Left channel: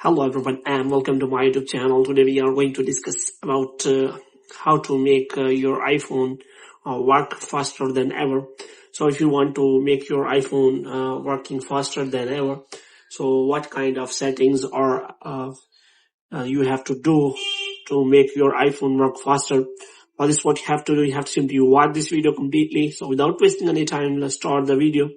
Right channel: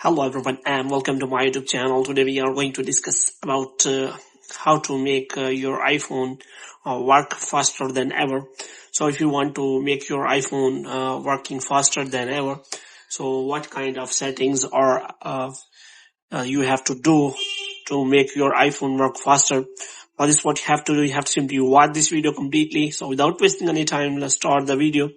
Hello everyone and welcome to my YouTube channel. Today we are going to discuss about how to make your iPhone work faster than ever. So if you want to make your iPhone working faster than ever, so what kind of settings are you have to do to make your iPhone work faster? For this, what you have to do, you have to simply watch this video completely. So without wasting any time, let's start the video.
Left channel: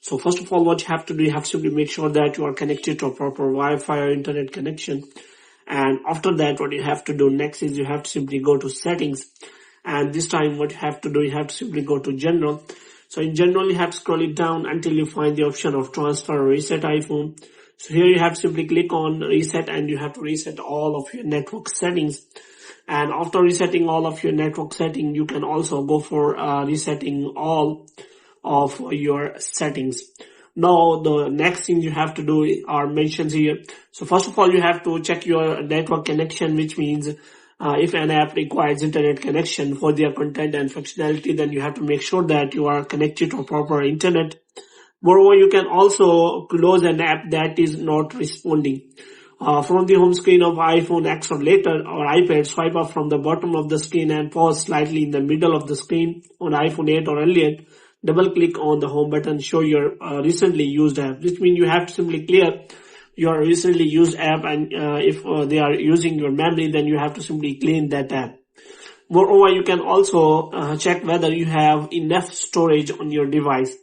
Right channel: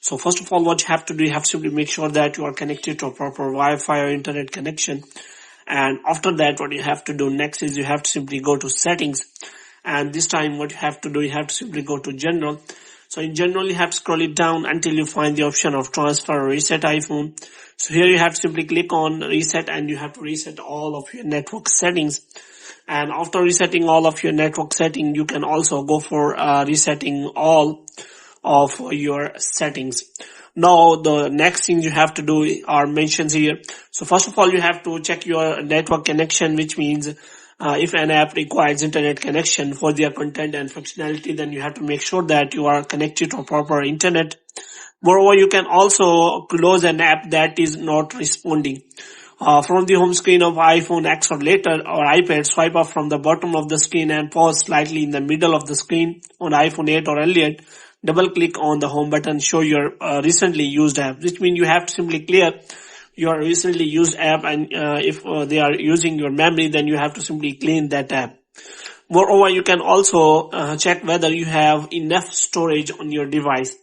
So first of all, what you have to do, you have to simply make sure that you are connected to a proper Wi-Fi or internet connection. And after that, what you have to do next is you have to simply go to settings. And this time what you have to do, you have to simply go to general. So in general, you have to scroll it down until you find the option of transfer or reset iPhone. So here you have to simply click on reset and you have to reset all of your network settings. And after resetting all of your network settings, you can also go for resetting all of your settings. Now the next thing you have to do are mentioned here. So first of all, you have to check your network connection, which means if an app requires internet connection for their content and functionality, then you have to make sure that you are connected to proper internet. Moreover, you can also close an app that is not responding. From the home screen of iPhone X or later or iPad, swipe up from the bottom of the screen and pause slightly in the middle of the screen on iPhone 8 or earlier. Double click on the home button, show your recently used app, which means you have to simply clear your recently used app, and if they are using your memory, then you have to simply clean that app. Moreover, you can also check whether you have enough storage on your device.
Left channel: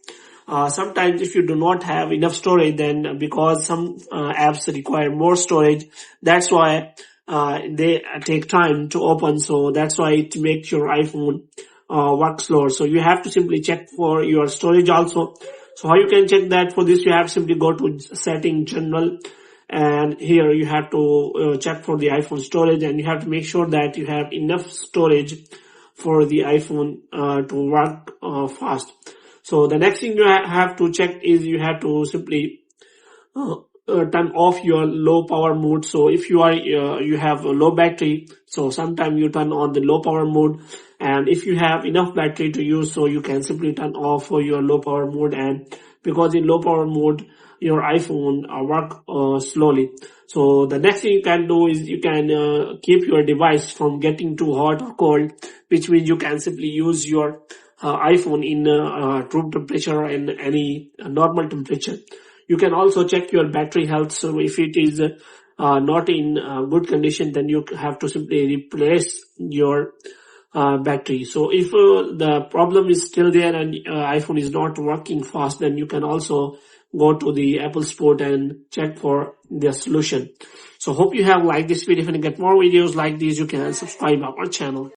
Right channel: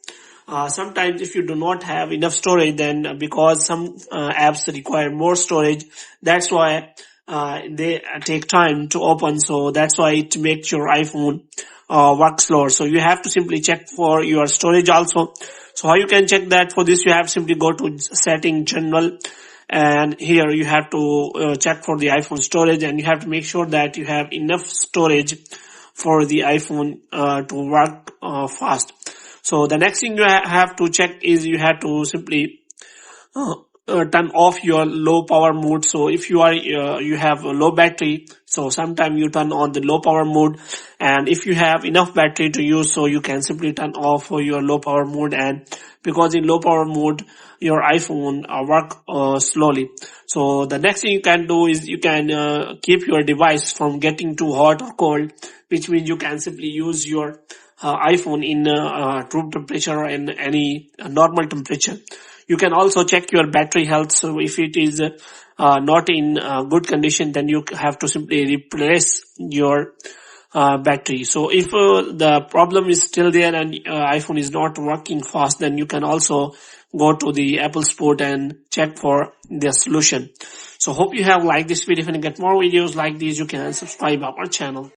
Sometimes if you do not have enough storage, then because some apps require more storage, that's why they take time to open. So that's why it makes your iPhone work slower. So you have to simply check for your storage also. So how you can check that? For this, you have to simply go to setting general, and here you have to check for the iPhone storage, and you have to make sure that you have enough storage for the iPhone to work fast. So the next thing you have to check is you have to simply turn off your low power mode. So if you are you have a low battery, so sometimes you turn on the low power mode, and if you have enough battery to use, so you can simply turn off your low power mode. And because in low power mode your iPhone work slowly. So the next thing you can do is you can keep your device from getting too hot or cold, which means you can simply use your iPhone in room temperature or in any normal temperature. You can also check your battery health. So if it is not in good condition, then you have to simply replace your battery. So if the problem is still there and iPhone is not working fast, then you can also go to the Apple Store and check for the solution. So hope you have liked this video. If you get more videos like these, you can subscribe our channel.